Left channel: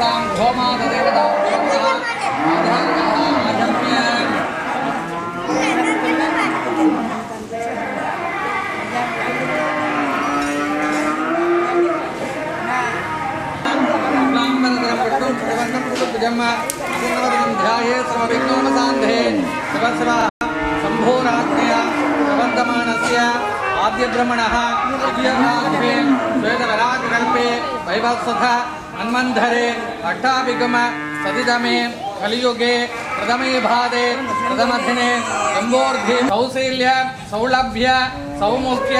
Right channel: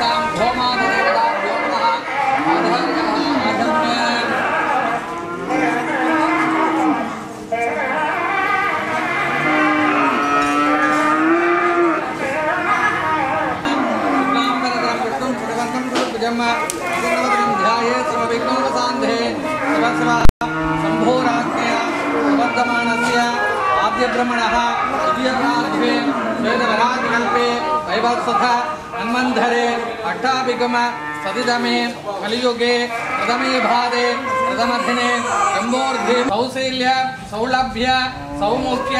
तासां गोमाददेवताभ्यो नमः आचार्याः आजम्य शुक्लाम्बरधरं विष्णुं शशिवर्णं चतुर्भुजं प्रसन्नवदनं ध्यायेत् सर्वविघ्नोपशान्तये सर्वस्व शम्भोराज्ञया प्रवर्धमानस्य आद्यब्रह्मणः द्वितीयराज्ञे श्वेतवराहकल्पे वैवस्वथ मन्वन्धरे अष्टाभिगम सतितमे कलियुगे प्रथमे भादे प्रथमदिने जम्बोर्धि कौशल्य सौलभ्य सौमुख्य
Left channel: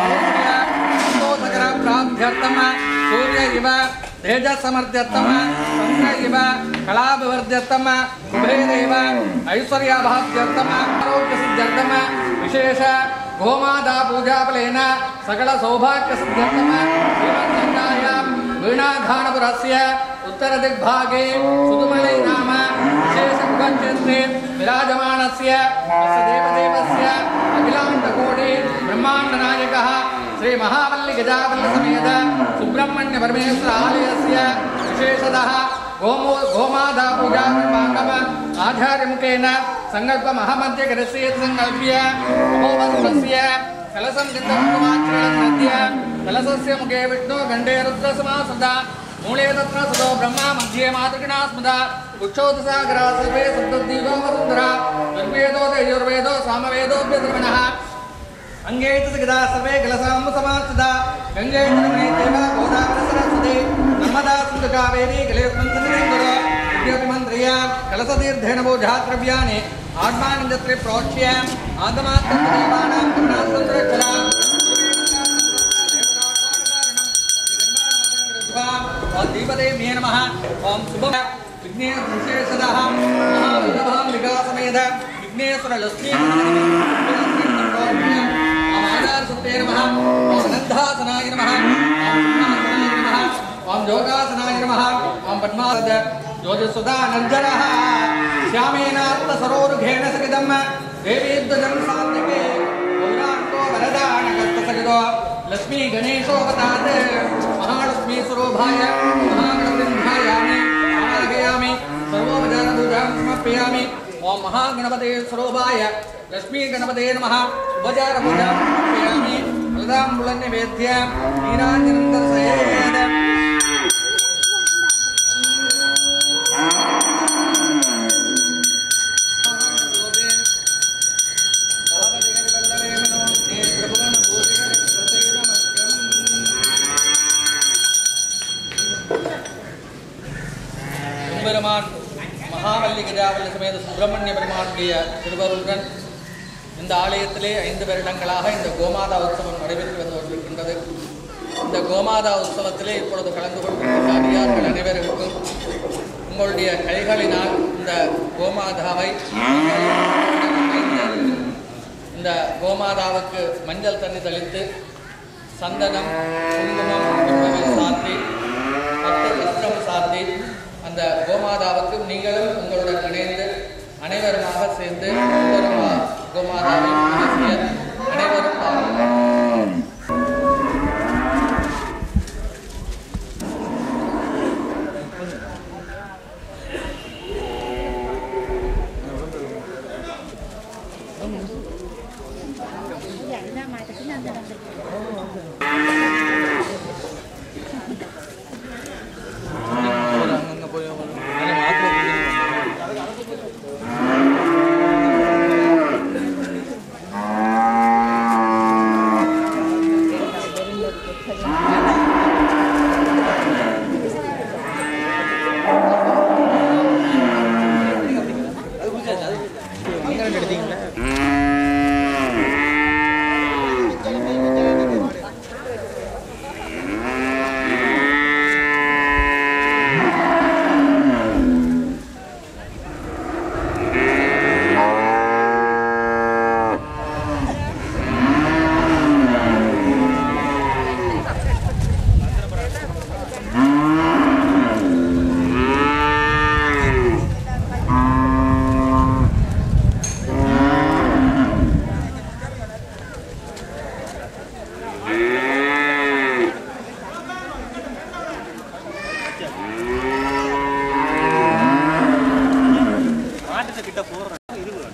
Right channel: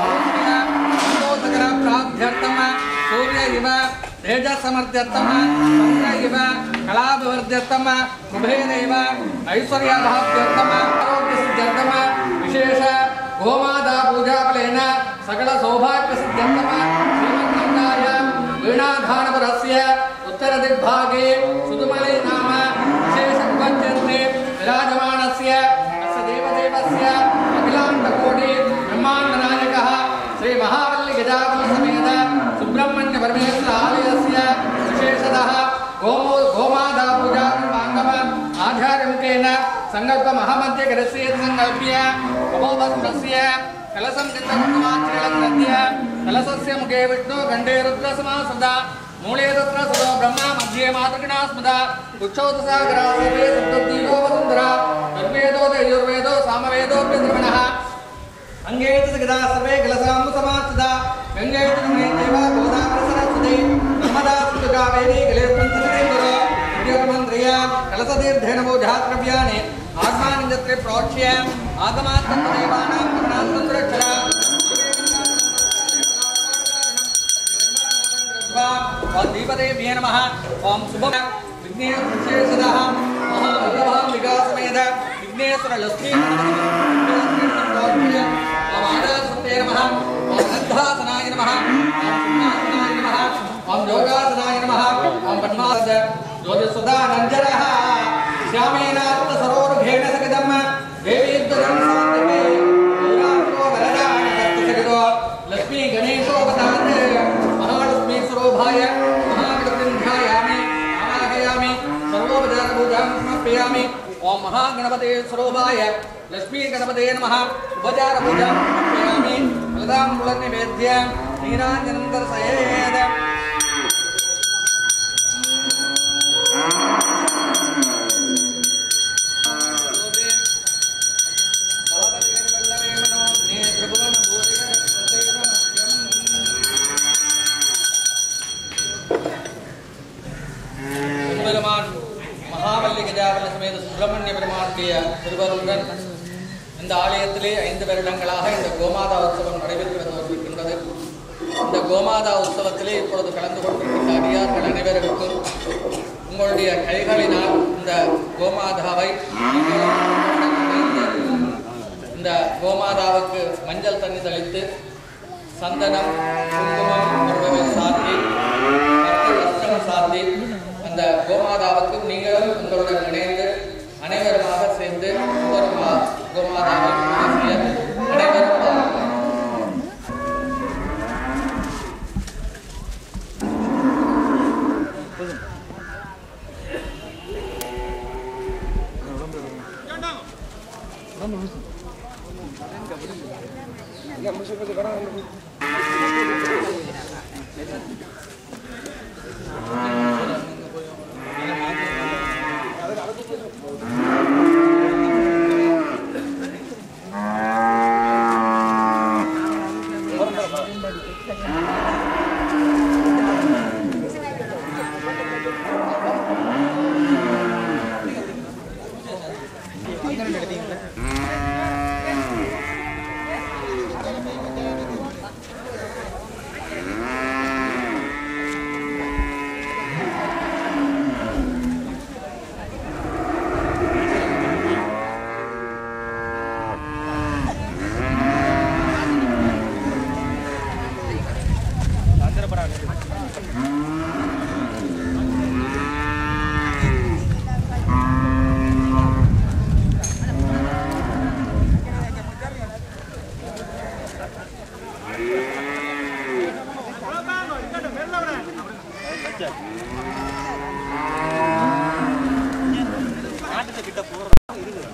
सौख्य सन्तोषकर प्राप्त्यर्थम सूर्य इव तेजसमर्थ्यर्थम चंद्र इव कलाभिवर्ध्यर्थम कुबेर इव ऐश्वर्याभाव्यर्थम आरोग्यसिद्ध्यर्थम विशेष गोमाता पूजाफलेन सकल सौभाग्यसिद्ध्यर्थम श्रीमन्नन्दायां वीणाधानपुरस्य उत्तरदिग्भागे सुदुमलै नाम विशेष कुबक्षेत्रे विराजमानस्य अस्य देवदेवस्य अखिलाण्डकोटि ब्रह्माण्डनायकः श्री महावल्ली गजावल्ली समेत सुब्रह्मण्य परमेश्वर आलयस्य विशेषतः गोमाता पूजा कर्मांगम आचार्य मुखेन संकल्प महामध्य करस्य संकल्प्य अमोवस्त्रस्य कलशं चिन्तकुमाच्रयद्य कलशस्य मुखे विष्णु गण्डे रुद्र समासदा मूले तत्र सदो ब्रह्मा मध्ये मातृकिणा स्मृता कुक्षोदसागरा सर्वे सप्तद्वीपो वसुन्धरा ऋग्वेदो यजुर्वेदो सामवेदोऽप्यधर्मणः अंगे गदा सर्वे कलशाम्बु समास्थिता गंगे जमुने देवा गोदावरी सरस्वती नर्मदा सिंधु कावेरी कलेस्मिन् विद्यामन्त्र्य कलशतीर्थेन बोधाद्रव्याणि आत्मानिन्द्रे प्रोच्य आगमात्तदेवानां करुणासुन्दरक्षरा दीपदेव्ये नमः ओं शुभम विघ्नेश्वर विशेषतः महावल्लभां विकासमेध विघ्नेश्वर लक्ष्मी ओम आधार सत्ये नमः ओम नन्दासनाय नमः ओम सिंहासनाय नमः ओम योगासनाय नमः ओम पद्मासद ज्योतिसुधा नञ्जरः श्यामेनात्म सरोरुघेण सकिदं देवीद्वजं सात्विके गौराङ्गो वरदानगस्तसगितो लक्ष्मी गणेशोऽवतात् महालक्ष्मी स्वरूपाय महागणपतिं ध्यायामि आवाहयामि सर्वोपचारपूजां समर्पयामि ओम महागणपते स्वरूपाय लक्ष्मी गणपते नमः उपचार पूजा समर्पयामि फलदाम्बूलं निवेद्य नीराञ्जनं दर्शयेत् महावल्ली गजावल्ली समेत सुब्रह्मण्य பெருமானுடைய திருவருளுடன் இந்த ஆலயத்திலே 5 வருடங்களாக இந்த கோமாதா உற்சவம் நடைபெற்று வந்து கொண்டிருக்கின்றது. இந்த கோமாதா உற்சவத்திலே இப்பொழுது கலந்து கொண்டிருக்கின்ற அடியார்கள் அனைவருக்கும் உங்களுடைய கைகளினால் இந்த கோமாதாவை நீங்களும் இந்த கோமாதாவுக்கு மஞ்சள் தண்ணி தெளித்து சந்தனம் குங்குமம் என்பவை சாத்தி பட்டு வஸ்திரம் சாத்தி அந்த கோமாதாவுக்கு நீங்களும் உங்களுடன் இணைந்து அனைவருமாக சேர்ந்து கோமாதாவை பூஜை செய்ய அனைவரும் கிட்ட போற இருக்கு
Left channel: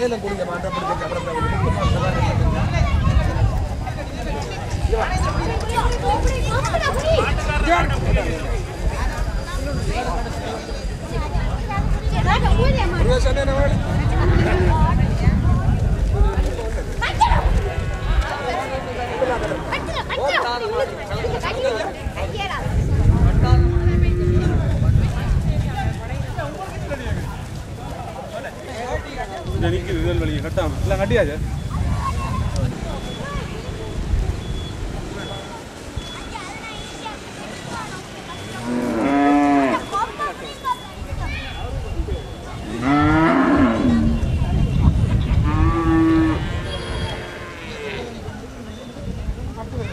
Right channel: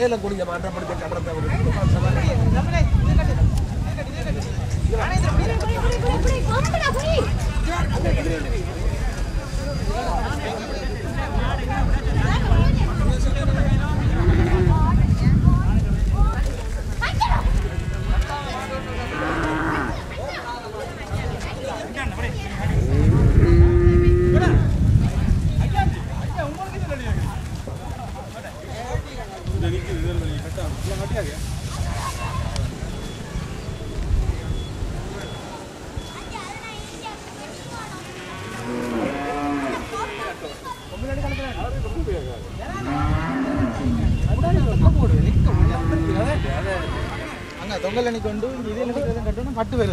ஏலம் குடிங்க மாற்றப்படுத்த கடந்த கட்டியாச்சு தொங்கலணிக்கொண்டு கட்டணும் கட்டு வை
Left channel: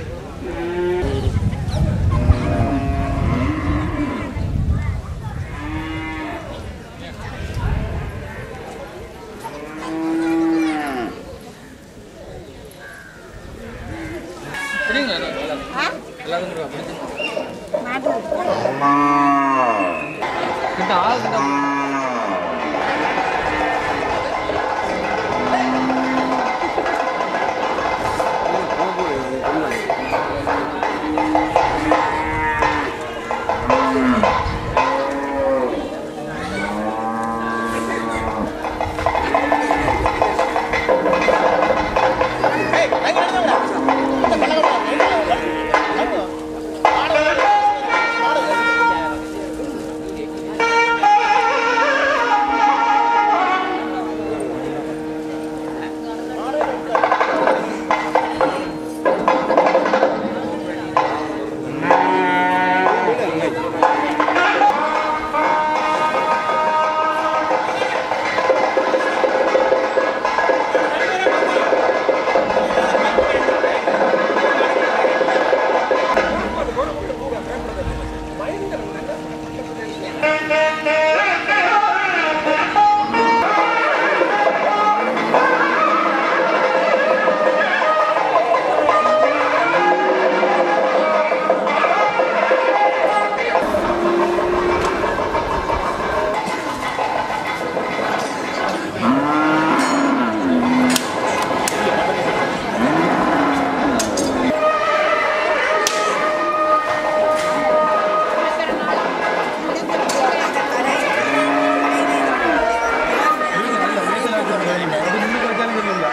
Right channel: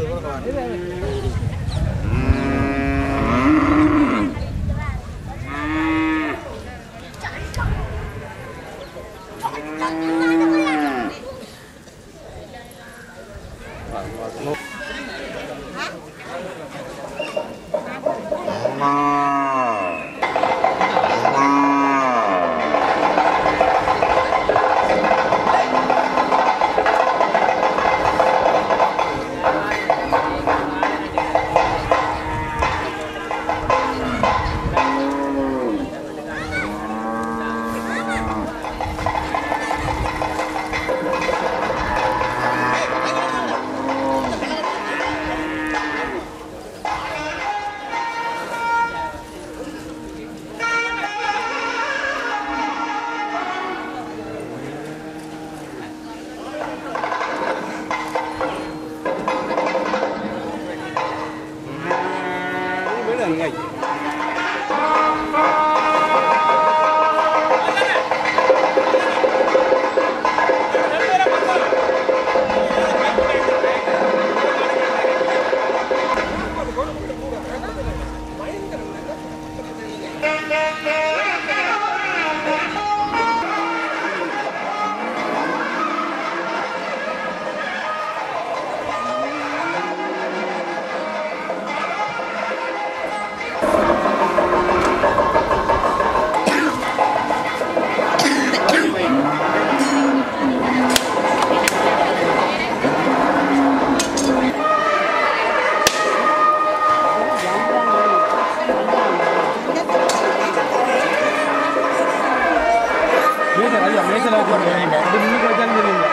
அது முன்னுக்கு வச்சாலும் தெரியல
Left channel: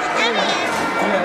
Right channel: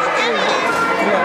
இல்லை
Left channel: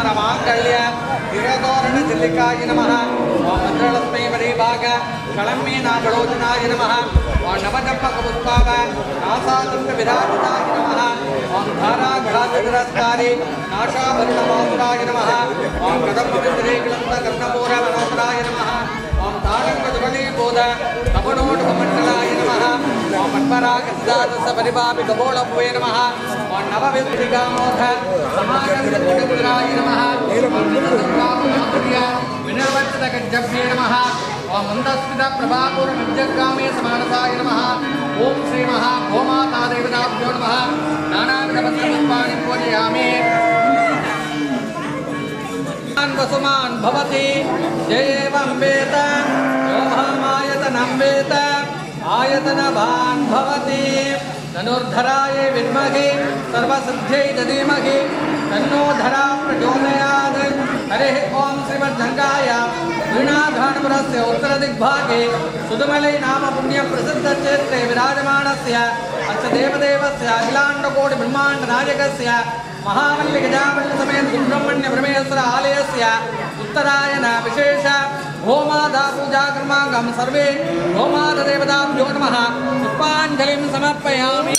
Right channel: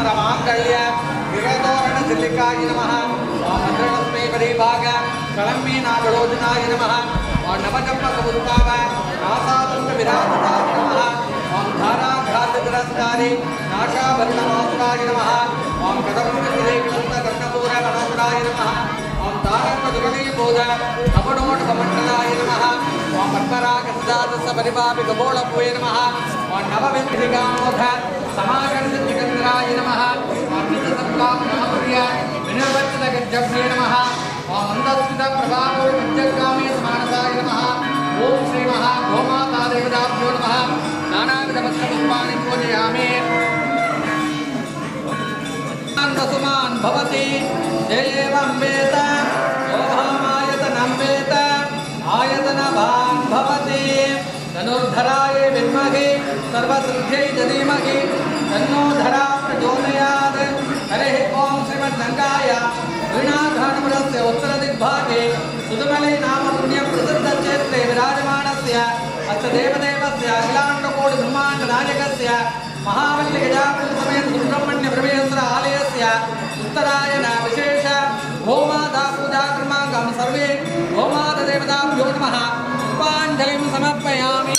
सर्वाभरणमाङ्गल्य विरतोरणचिल्लिकाय नमः ॐ मन्त्रलक्ष्मी परिभाग कळम्मी नागलोचनाय नमः ॐ नवजपकपुष्पाव नासादण्डविराजिताय नमः ॐ धाराघ्राततिरस्कारि नाशाभरणमासुराय नमः ॐ कदम्बविन्दरीक्लन्तकर्णपूरमनोहराय नमः ॐ तारङ्गजुगलीबोध कपडोटकमण्डलाय नमः ॐ पद्मरागसिद्धार्थसपरिभाविकबोळपुवे नमः ॐ नवविद्धिकामोध समाकर्षचिकन्द्राय नमः ॐ नितसत्प्राप्तमाधुर्य विनिर्वच्चितगज्जभ्ये नमः ॐ मन्दस्मितप्रभापूर्वमज्जगामे समानसाय नमः ॐ श्रीमहागोमातादेवताभ्यो नमः नानाविधपत्रपुष्पाणि पूजयामि वसुमान् भवति जयेवं वेत योभामायतनं वेत आयतनवान् भवति धनुर्धराय विद्महे सर्वसिद्ध्यै धीमहि तन्नो धरा प्रचोदयात् हरिः ॐ श्रीमद्गङ्गाय वीणाघाटपुरस्य उत्तरदिग्भागे सुदमलै नाम पुण्यप्रसिद्धक्षेत्रे विराजमानस्य अस्य देवदेवस्य अखिलाण्डकोटिब्रह्माण्डनायकस्य महावल्लिगजावल्लिसमेत सुब्रह्मण्यपरमेश्वर आलयस्य उत्तरायण विशेष गोमाता पूजाकर्माङ्गं सर्वे गोमातादेवताभ्यो नमः पुष्पाञ्जलिं समर्पयामि।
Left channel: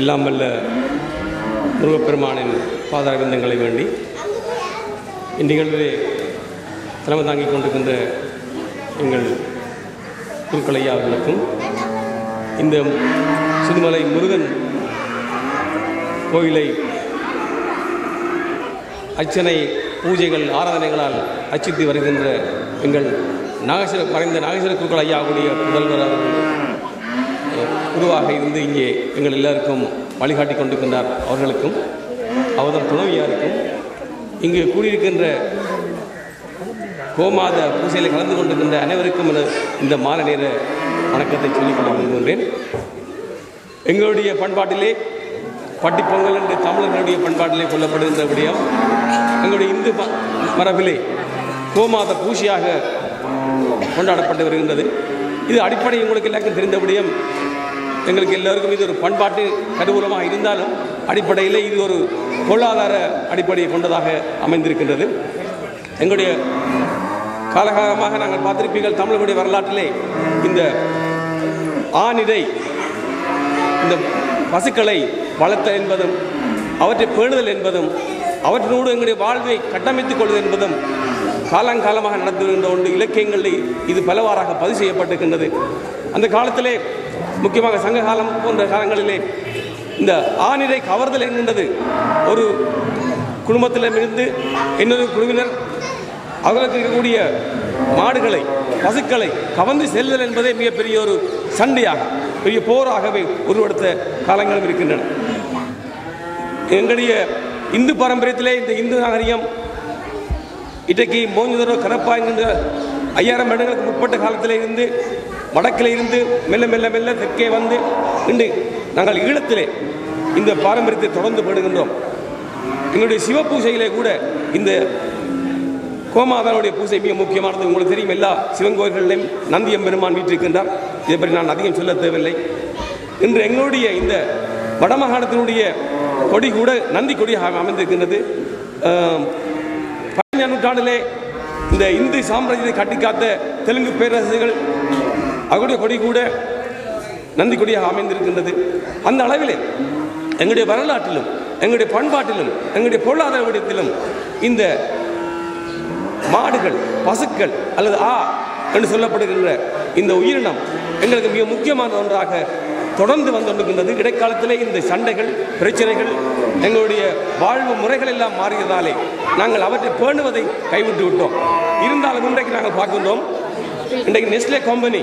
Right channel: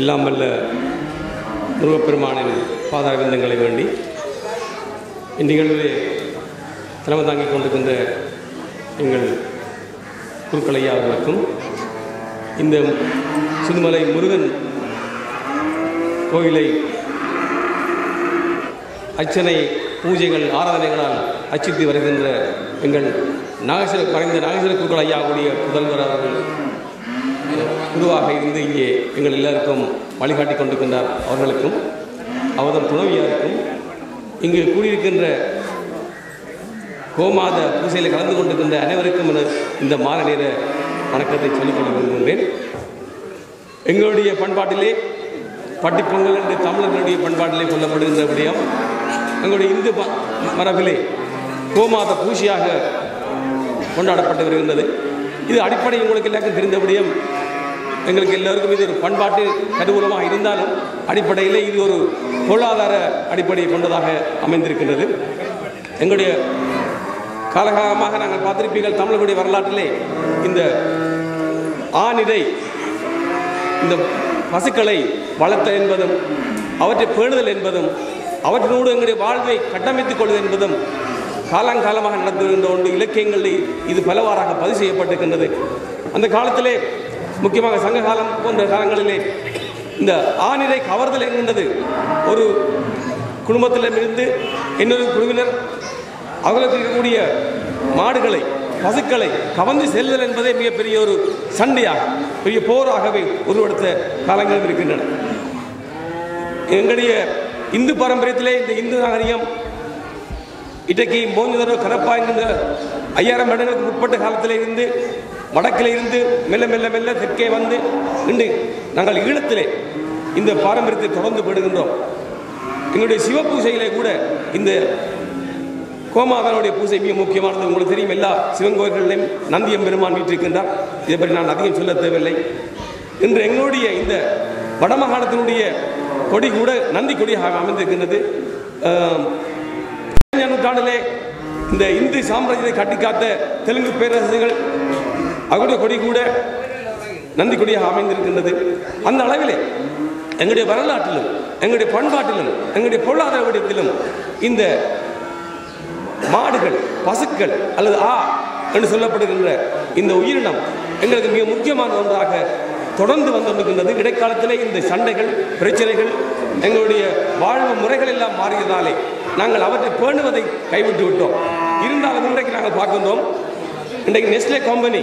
எல்லாம் வல்ல முருகப்பெருமானின் பாதாரவிந்தங்களை வேண்டி இந்நிகழ்விலே தலைமை தாங்கிக் கொண்டிருக்கின்ற எங்கள் குருக்களையா அவர்களுக்கும் இந்த சுதுமலை முருகன் கோயிலை அர்ச்சனை பூஜைகள் ஆராதனைகளால் அர்ச்சித்து வருகின்ற எங்கள் மறைந்த நாகேஸ்வர குருக்கள் ஐயாவுடைய புதல்வர் அவர்கள் குருவாக இருந்து இங்கே எங்கள் எல்லாருக்கும் வழிகாட்டி கொண்டிருக்கின்றார். அவர்களுக்கும் அவதம் துணைவியாருக்கும் இங்கு கூடியிருக்கின்ற கோமாத பூசையில் கலந்து கொண்டிருக்கின்ற அனைவருக்கும் இந்த மாலை நேர வணக்கத்தை சொல்லிக்கொள்ள விரும்புகின்றேன். எங்களுடைய பண்பாட்டிலே பட்டிப்பொங்கல் என்று தமிழர்களுடைய பண்பாட்டிலே கொல்லப்படுகின்ற விடயம் எங்களுடைய இந்து மரபிலே கோமாத பூசையாக கொண்டாடப்பட்டு வருகின்றது. இது அடிப்படை உங்களுக்கு எல்லாருக்கும் தெரிந்த விடயம். எங்களுக்கு எல்லோருக்கும் இது ஒரு பண்பாட்டு கருவூலமாக இருந்தாலும் அடிப்படையில் இது ஒரு பொருளாதார அடிப்படையை கொண்டதாக அமைந்திருக்கின்றது. எங்களுடைய காலகாலமாக நாங்கள் பார்த்திருப்பீர்கள், தமிழர்களுடைய வரலாற்றிலே இந்த ஆணிரை இந்த பசுக்களை வளர்த்தல் என்பதும் அவற்றை பேணுதல் என்பதும் அவற்றினோடு எங்களுடைய வாழ்வை கட்டமைத்துக் கொள்வது என்பதும் காலங்காலமாக நடந்து வருகின்ற ஒன்று. இலக்கியங்களில் இது பலவாறாக பதிவு செய்யப்பட்டிருக்கின்றது. அந்த காலத்திலே முக்கியமாக சங்க காலம் போன்ற காலங்களிலே இந்த ஆணிரை கவர்தல் என்கின்றது ஒரு குடும்பத்திடமிருந்து இன்னொரு குழுவினர் அவர்களுக்கு இருக்கக்கூடிய மாடுகளை பசுக்களை கவர்ந்து செல்லுதல் என்பதே மிகப்பெரிய ஒரு சண்டையாக பெரிய போராகவே உருவெடுத்த காலங்களும் இருக்கின்றன. எங்களுடைய இந்து பாரம்பரியத்திலே இந்த இந்து நாகரிகம் இன்றைக்கு மோஞ்சதரோ கரப்பா என்கின்ற 5000 வருடங்களுக்கு முற்பட்ட காலத்தில் இருந்து வடக்கில் இருந்து மெல்ல மெல்ல மெல்ல தெற்கே வந்து இன்று நாங்கள் ஈழத்திலே இந்த பாரம்பரியத்தை தொடர்ந்து படுகின்றோம். எங்களுடைய சிவ பூஜையிலே கூட இந்த கோமாதானுடைய பூஜை மிக முக்கியமானது. உங்களுக்கு தெரியும், எல்லா சிவன் கோயில்களிலும் நந்தியம் பெருமான் வீற்றிருக்கின்றார். இதை பற்றி நான் அதிகம் சொல்ல தேவையில்லை. இன்று எங்களுடைய இந்த வடமாகாணத்தினுடைய கொடி கூட நந்தி கொடியாக அமைந்திருக்கின்றது. 15ஆம் நூற்றாண்டிலே இந்த இந்து சாம்ராஜ்யத்தை கட்டிக்காத்த தெலுங்கு பேரரசுகள் அவருடைய கொடி கூட நந்தி கொடியாக அமைந்திருக்கின்றது. அந்த அளவிலே எங்களுடைய வரலாற்றிலும் எங்களுடைய பண்பாட்டிலும் எங்களுடைய பொருளாதார விடத்திலும் இந்த மாடுகள் பசுக்கள் அல்லது என்று சொல்லப்படுகின்ற இந்த உயிரினம் எங்களுக்கு மிக முக்கியமான ஒன்றாக தொடர்ந்து வந்துகொண்டிருக்கின்றது. இடைக்காலத்திலே இந்த சண்டைகள் பிரச்சனைகள் எங்களுடைய வாழ்வு முறைகள் எல்லாம் மாறியதாலே நாங்கள் அவற்றை பேணுவதை கைவிட்டு விட்டோம். இருந்தாலும் இன்றைக்கு நாங்கள் பார்க்கின்றோம், இன்றைக்கு நெஸ்லே கம்பெனி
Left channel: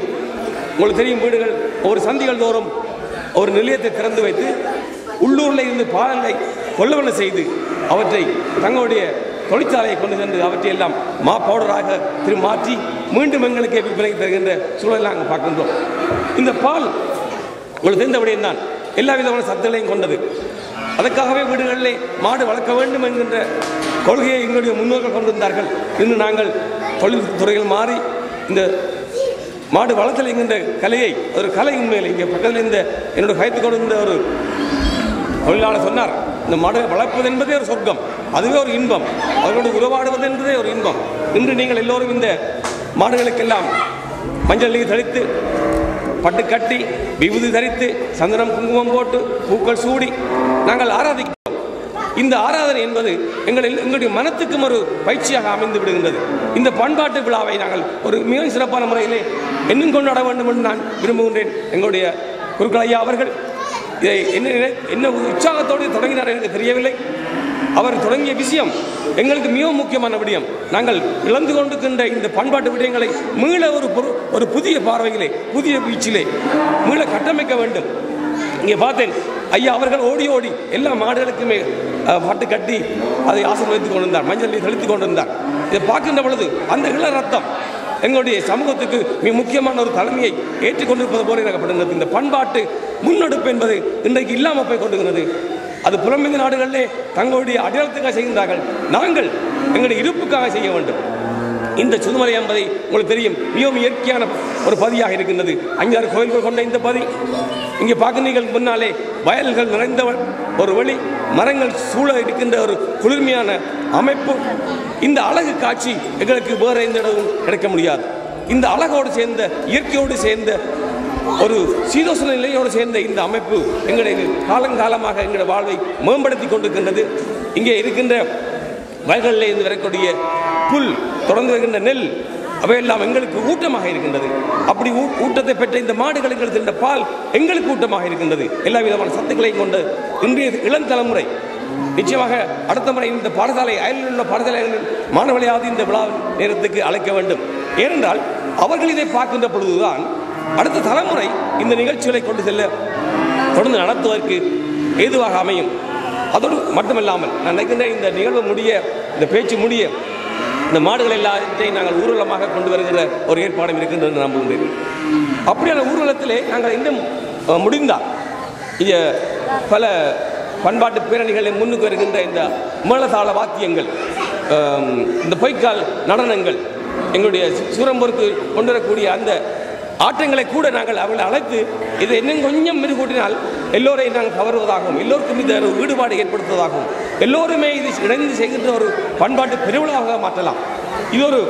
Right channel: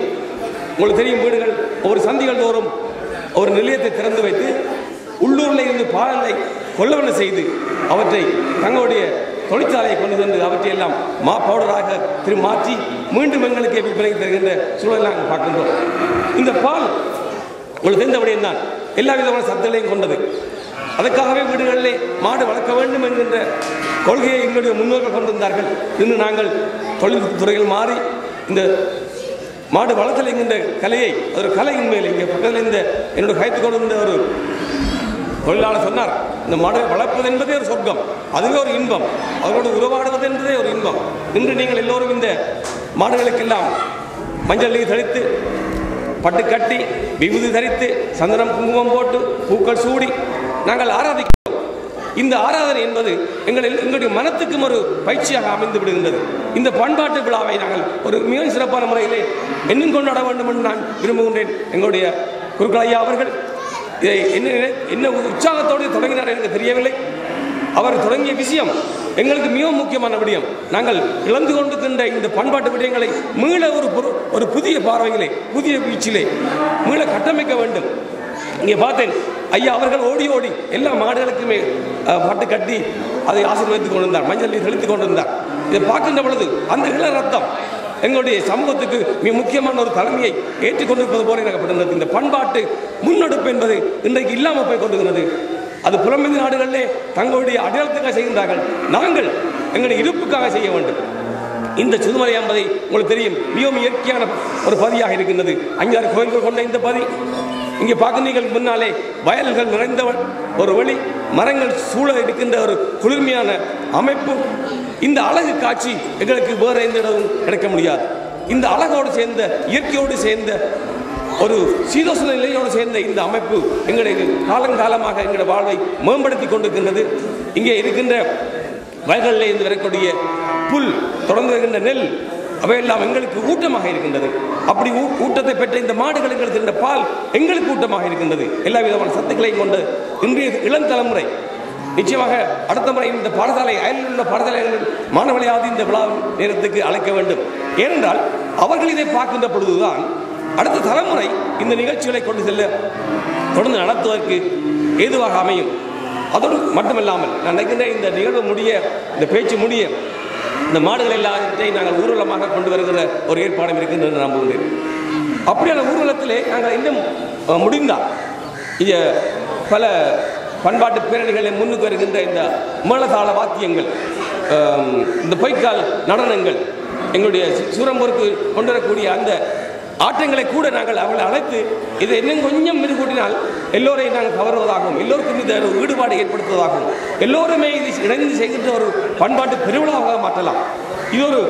உங்களுக்கு தெரியும், வீடுகள் ஒரு சந்திகள் தோறும் ஒரு நிலையத்தை திறந்து வைத்து உள்ளூரில் இருந்து பாலை கொள்ளவனை செய்து அவற்றை தங்களுடைய தொழிற்சாலையை கொண்டு சென்று அவற்றையெல்லாம் பவுடராக மாற்றி மீண்டும் எங்களுக்கு விற்பனைக்கு தருகின்ற சூழலை நாங்கள் பார்க்கின்றோம். இந்த பால் உங்களுக்கு தெரிந்தபடியும் தான் எல்லா விதமான சத்துகளையும் கொண்டது. அதற்காகவே வீடுகளிலே மாடு வளர்க்க வேண்டும் என்கின்ற கொள்கையை எங்களுடைய முன்னோர்கள் கொண்டிருந்தார்கள். இன்று நாங்கள் தொழில்துறைகள் மாறி இந்த மாடு வளர்த்தல் என்கின்ற கலையை ஒரு கலை உண்மையில் இங்கே பக்கத்தில் இந்த என்னோட கைத்து கொண்டிருந்த ஒரு தொழிலாளர் சொன்னார், இந்த மாடு வளர்ப்பது என்பதே ஒரு சொர்க்கம், அதுவே ஒரு இன்பம், அவர்களோடு உறவாடுவது என்பதே ஒரு இன்பம். இன்று நீங்கள் எல்லோரும் இந்த மாடுகளுக்கெல்லாம் மஞ்சள் நீர் தெளித்து பட்டு கட்டி விபூதி தரித்து சந்தனம் குங்குமம் போட்டு பூக்கள் சூடி நாங்கள் ஆராதிக்கிறோம். இந்த ஆராதனை என்பது எங்களுடைய மனத்துக்கும் ஒரு பயிற்சியாக அமைந்து விடுகின்றது. இந்த பண்பாட்டு விழாவை நாங்கள் ஒரு மிக சிறப்பான முறையிலே இன்னும் கொண்டாட வேண்டும் என்று நான் விரும்புகின்றேன். எங்களுடைய குருக்கள் ஐயா அவர்கள் இதை என்ன உற்சாகத்தோடு தொடங்கினார் எனக்கு தெரியவில்லை. அவர் தொடங்கிய விஷயம் எங்களுக்கு மிகவும் முக்கியமான விடயம். நாங்கள் இழந்து கொண்டிருக்கின்ற இந்த பண்பாட்டு விடயங்களை மீள ஒரு புதிய பார்வையிலே புதிய வீச்சிலே மீள கட்டமைக்க வேண்டும். இங்கே பார்த்தேன், ஐயா அவர்கள் ஓடி ஓடி எல்லா மாடுகளுக்குமே பட்டு கட்டி அதை ஆசீர்வதித்துக் கொண்டிருந்தார், மஞ்சள் தெளித்துக் கொண்டிருந்தார். இதை பார்க்கின்ற பொழுது அந்த இள ரத்தம் எங்களுடைய சமூகத்துக்கு மிக முக்கியமான ஒரு தலைமையை ஏற்றுக்கொண்டிருப்பது போல எனப்படுகிறது. இந்த பண்பாட்டு முன்னெடுப்பு என்பது இன்றைக்கு இல்லாமல் போய் கொண்டிருக்கிறது. அது புலம்பெயர்ந்த நாடுகளிலே தங்களுடைய அடையாளத்துக்காக செய்கின்றார்கள், நாங்கள் எங்களுடைய இருப்புக்காக செய்ய வேண்டும். இந்த சுதுமலை என்பதை உங்களுக்கு தெரியும், மிகவும் இயற்கையான ஒரு பதியாக இருக்கின்றது. 5-6 கோயில்கள் கொண்ட இந்த பதி இங்கே பார்க்கிறீர்கள். முன்னாலே வயல்கள் நிறைந்த ஒரு வழி, மரங்கள் சூழ இருக்கின்ற ஒரு குளிர்மையான அமைப்பு. இந்த அழகு காட்சி எங்களுக்கு வேறு எந்த இடமும் கிடைக்க முடியாது. இந்த அழகோடு சேர்ந்த இயற்கையோடு சேர்ந்த ஒரு சீதோசன நிலையோடு சேர்ந்த இந்த அமைப்பு எங்களுடைய காலங்காலமாக எங்களுடைய வாழ்வை மேம்படுத்தி கொண்டிருக்கின்றது. இங்கே இருக்கின்ற வயல்களில் இருந்து வரக்கூடிய புல், தொடர்ந்து வருகின்ற நெல், அவையெல்லாம் எங்களுக்கு ஊட்டமாக இருக்கின்றது. அப்படி ஊட்டத்தை பெற்ற இந்த மாடுகள் எங்களுக்கு இருந்த பால் எங்களுக்கு ஊட்டமாக இருக்கின்றது. எல்லா விதமான சத்துக்களையும் கொண்ட இன்றைய இளம் தலைமுறை நிச்சயமாக அடுத்த முறை இந்த பாடசாலை அயலில் உள்ள பாடசாலைகளில் மாணவர்களையாவது இந்த விழா நேரத்துக்கு அழைக்க வேண்டும். ஏனென்றால் அவர்கள் இதை பார்க்கின்ற பொழுதுதான் அடுத்த தலைமுறை இந்த நிகழ்ச்சிகளை கொண்டு செல்ல தொடர்ந்து நடத்துவதற்கு ஏதுவாக அமையும். அதோடு மட்டுமல்லாமல் நான் நினைக்கின்ற இந்த நிகழ்வு முடிய, இந்த பேச்சு முடிய, இந்த மாடுகள் எல்லாத்தையும் நாங்கள் ஊர்வலமாக கொண்டு வருகிற ஒரு ஏற்பாடும் இருக்கின்றது நம்புகின்றேன். அப்படியான ஊர்வலத்திலே நாங்கள் இன்னும் முடிந்தால் இங்கே பல பண்பாட்டு பேரணிகளை முன்னுக்கு வருகின்ற இந்த மேளதாள வாத்தியங்கள், இந்த பொய்க்கால் நடனங்கள், எங்களுடைய சூரம்பூருக்கு கொண்டு வரக்கூடிய அந்த ஆட்டங்களை கூட நாங்கள் அவர்களை அழைத்து இதை இன்னும் கொஞ்சம் மெருகூட்டினால் எல்லோரையும் நாங்கள் கவருவதாகவும் எல்லோருக்கும் இந்த ஈடுபாடு ஏற்படுத்துவதாகவும் எல்லோருமே இது இணைந்து செய்கின்ற ஒரு பண்பாட்டு பெருவிழாவாக மாற்றலாம். இது ஒரு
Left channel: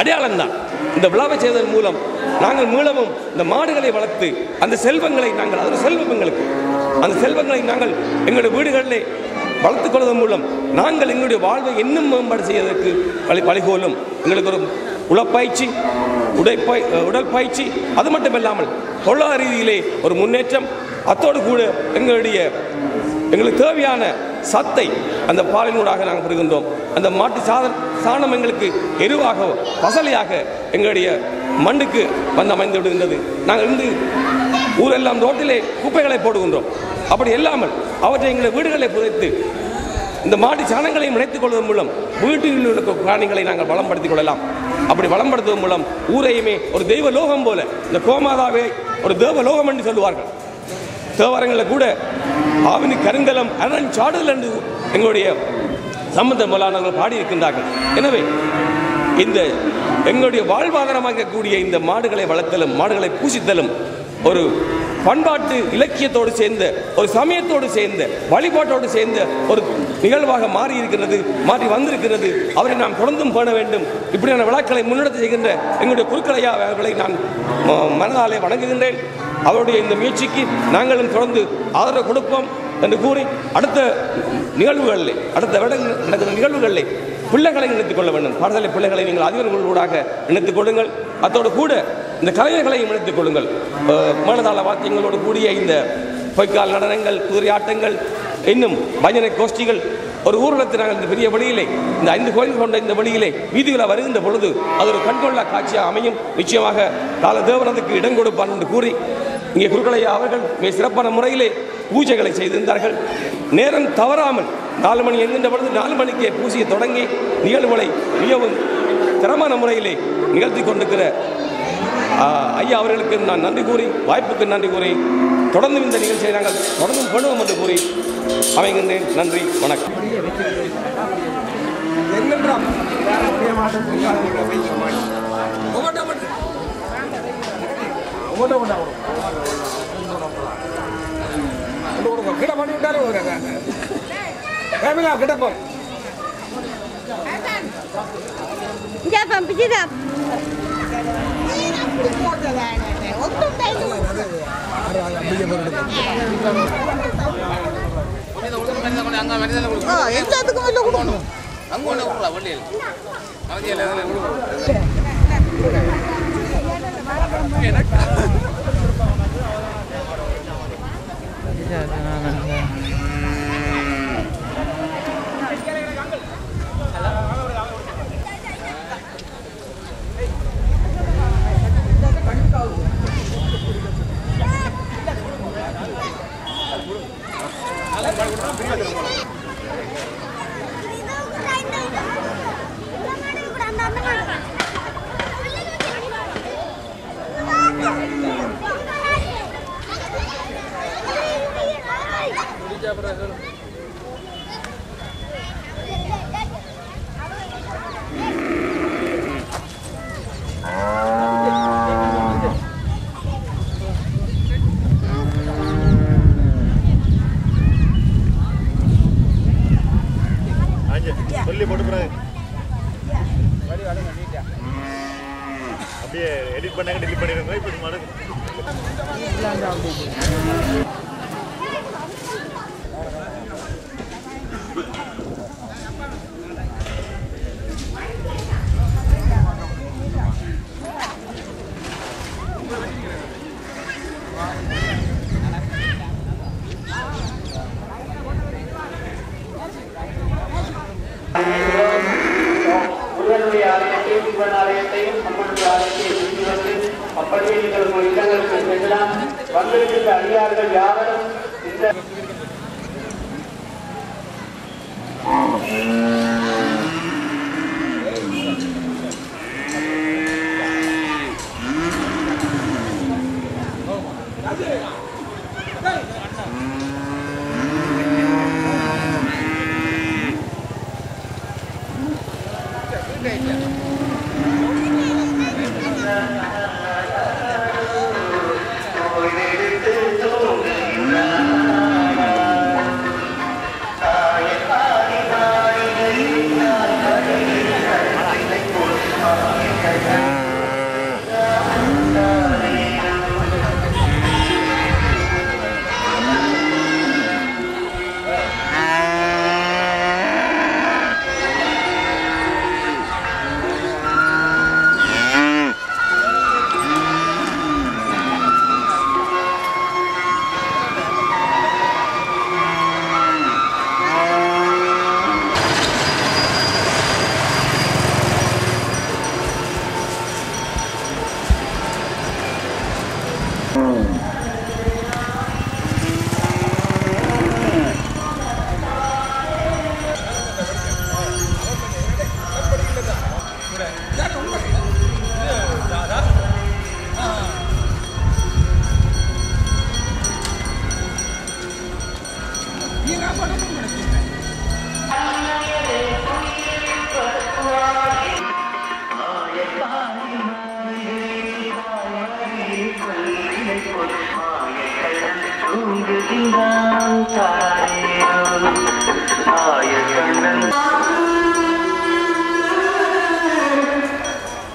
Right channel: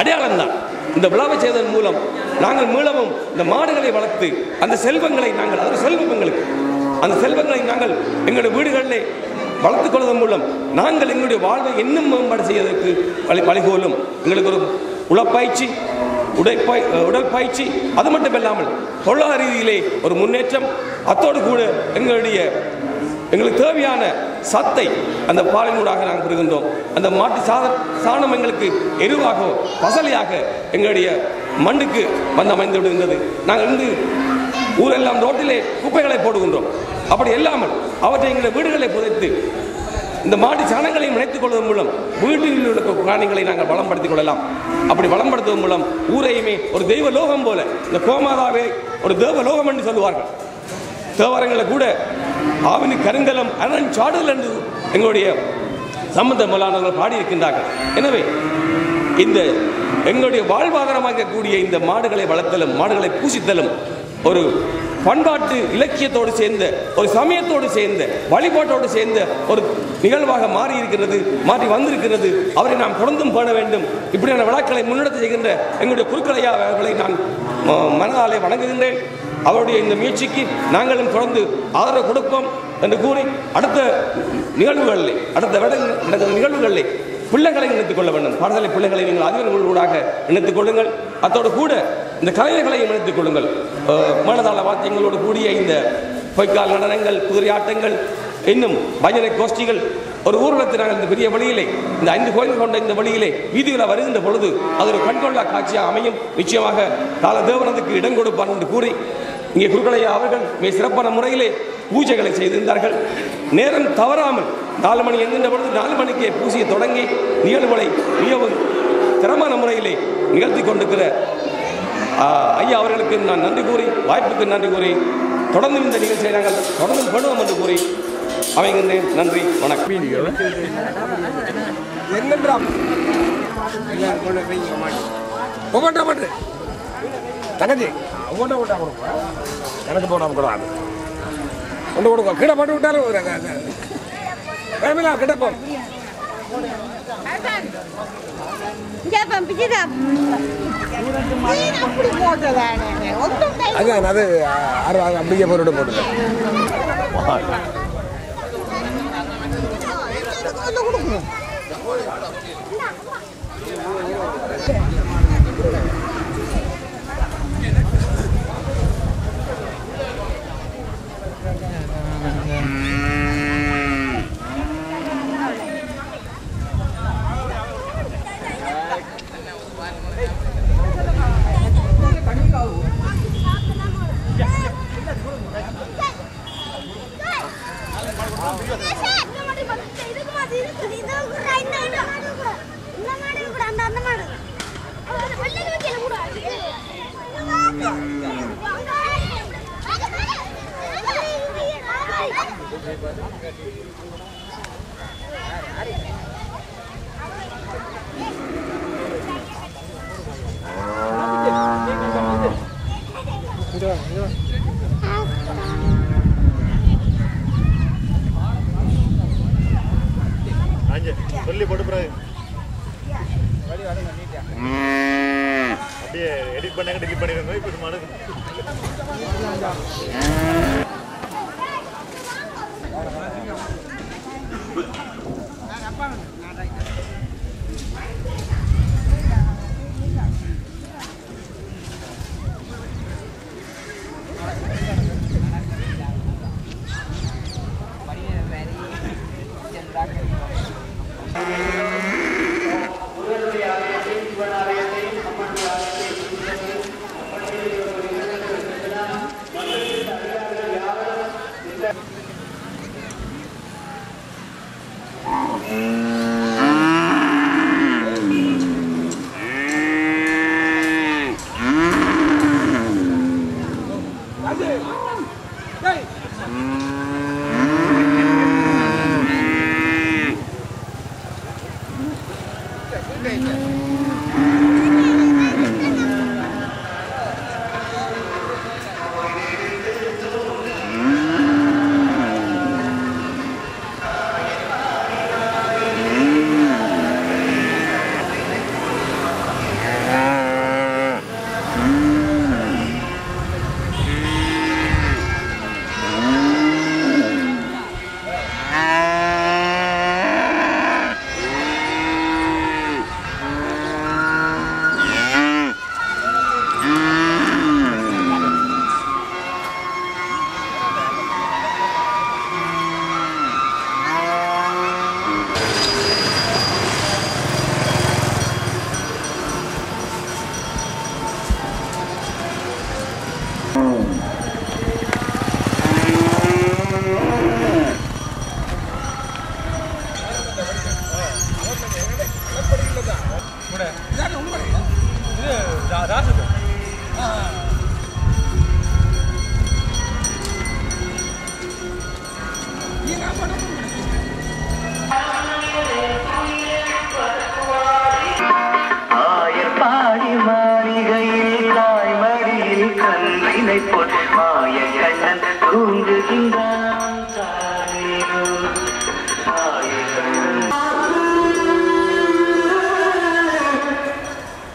அடையாளம்தான். இந்த விழாவை செய்வதன் மூலம் நாங்கள் மீளவும் இந்த மாடுகளை வளர்த்து அந்த செல்வங்களை நாங்கள், அது செல்வம் எங்களுக்கு, அந்த செல்வங்களை நாங்கள் எங்களுடைய வீடுகளிலே வளர்த்துக் கொள்வதன் மூலம் நாங்கள் எங்களுடைய வாழ்வை இன்னும் மேம்பாடு செய்வதற்கு வழிகோலும். எங்களுக்கு ஒரு உடற்பயிற்சி, உடல் பயிற்சி, அது மட்டும் இல்லாமல் பொருளாதார ரீதியிலே ஒரு முன்னேற்றம். அத்தோடு கூட எங்களுக்கு தேவையான சத்தை அந்த பாலினூடாக நாங்கள் பெறுகின்றோம். அந்த மாட்டு சாணம் எங்களுக்கு எருவாக பசலையாக எங்களுடைய மண்ணுக்கு வந்து அமைந்து விடுகின்றது. நாங்கள் இருந்து ஊரெல்லாம் ரோட்டிலே குப்பைகளை போடுகின்றோம். அப்படி இல்லாமல் அவற்றை எங்களுடைய வீடுகளை புதைத்து இந்த மாட்டு சாணங்களையும் இணைத்துக் கொள்வதன் மூலம் வீட்டில் உள்ள பிராணிகளை நாங்கள் வளம்படுத்திக் கொள்ளலாம். அப்படி வளம்படுத்துவதன் மூலம் ஊரையுமே ஒரு தெய்வ லோகம் போல, இந்த கோமாதாவை ஒரு தேவ லோகம் என்று சொல்லுவார்கள். தேவாரங்களில் கூட ஆவினி கருங்கலம் அரண் சாடுதல் என்று எங்களுடைய சம்பந்த முதலானவர்கள் பாடியிருக்கின்றார்கள். எனவே இந்த எங்களுடைய வாழ்வாதாரமாக இருக்கக்கூடிய இந்த மாடுகளை வளர்த்தலும் மாடுகளை பூசித்தலும் ஒரு பண்பாட்டு இலக்கியத்தோடு சேர்ந்த ஒரு சமயத்தோடு சேர்ந்த வழிபாட்டோடு சேர்ந்த ஒரு நிகழ்வாக மாறி வந்திருக்கிறது. அவரை நாம் தொடர்ந்தும் பேண வேண்டும். இப்படியான விழாக்களை முன்னெடுத்து செய்கின்ற எங்களுடைய குருக்களையா அவர்களை நான் மனதாலே வணங்குகின்றேன். அவருடைய இந்த முயற்சிக்கு நாங்களும் தொடர்ந்து ஆதரவு கொடுப்போம் என்று கூறி அடுத்த நிகழ்வுகளிலே பிள்ளைகளை இணைத்துக் கொள்ள வேண்டும். பாடசாலை பிள்ளைகளை நீங்கள் அதிபர்களூடாக இணைத்துக் கொள்ளுங்கள். அத்தோடு கூட இந்த கலைஞர்களையும் இணைத்துக் கொள்ளுங்கள். மேலதாள வாத்தியங்களோடு கூடிய இந்த பொய்க்கால் நடனங்கள், குதிரை ஆட்டங்கள், இன்னும் பஜனை கோஷ்டிகள் ஒரு ஊர்வலத்தில் நாங்கள் இந்த பெரிய வழியிலே இந்த 5 கோயில்கள் கொண்ட இந்த வழியிலே வீதிகளை வருகின்ற பொழுது அது ஒரு கண்கொள்ளா காட்சியாக அமையும். நிச்சயமாக கால தேவனத்துக்கு இடம் கொடுப்பார் என்று கூறி இங்கே குருக்களையா அவர்கள் மிக சிறப்பான முறையிலே பூஜைகளை செய்திருந்தார்கள். நேரம் தவறாமல் 4 மணி என்கின்ற பொழுது 4 மணிக்கே பூஜையை தொடங்கி நிகழ்வுகளை மிகவும் திறமான முறையிலே நிகழ்த்தி கொண்டிருக்கிற ஐயா அவர்களுக்கு நான் நன்றி கூறி, வாய்ப்புக்கு நன்றி கூறி, தொடர்ந்து இந்த நிகழ்ச்சியை நாங்கள் தொடர்ந்து பண்ணுவோம் என்று கூறி அமைகின்றேன். நன்றி, வணக்கம். அப்படியே போட்டு சொல்லி போட்டு அப்படியே எடிட் பண்ணாங்க, டெலிட் பண்ணிருங்க. இப்படி மாடு முருகனுடைய ஆலயத்தையும் சிவன் ஆலயத்தையும் அம்மனுடைய ஆலயத்தையும் அப்படியே நீங்கள் உங்கள் இடங்களுக்கு செல்லலாம். வந்திருக்கின்ற அடியார்கள் யாரும் இந்த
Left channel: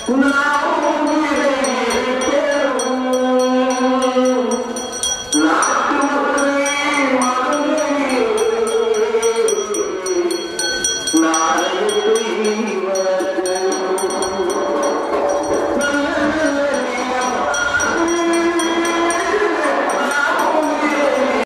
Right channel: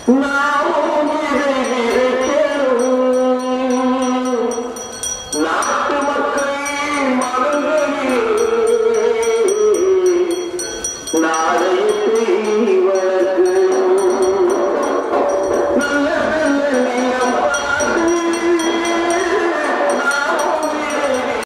Una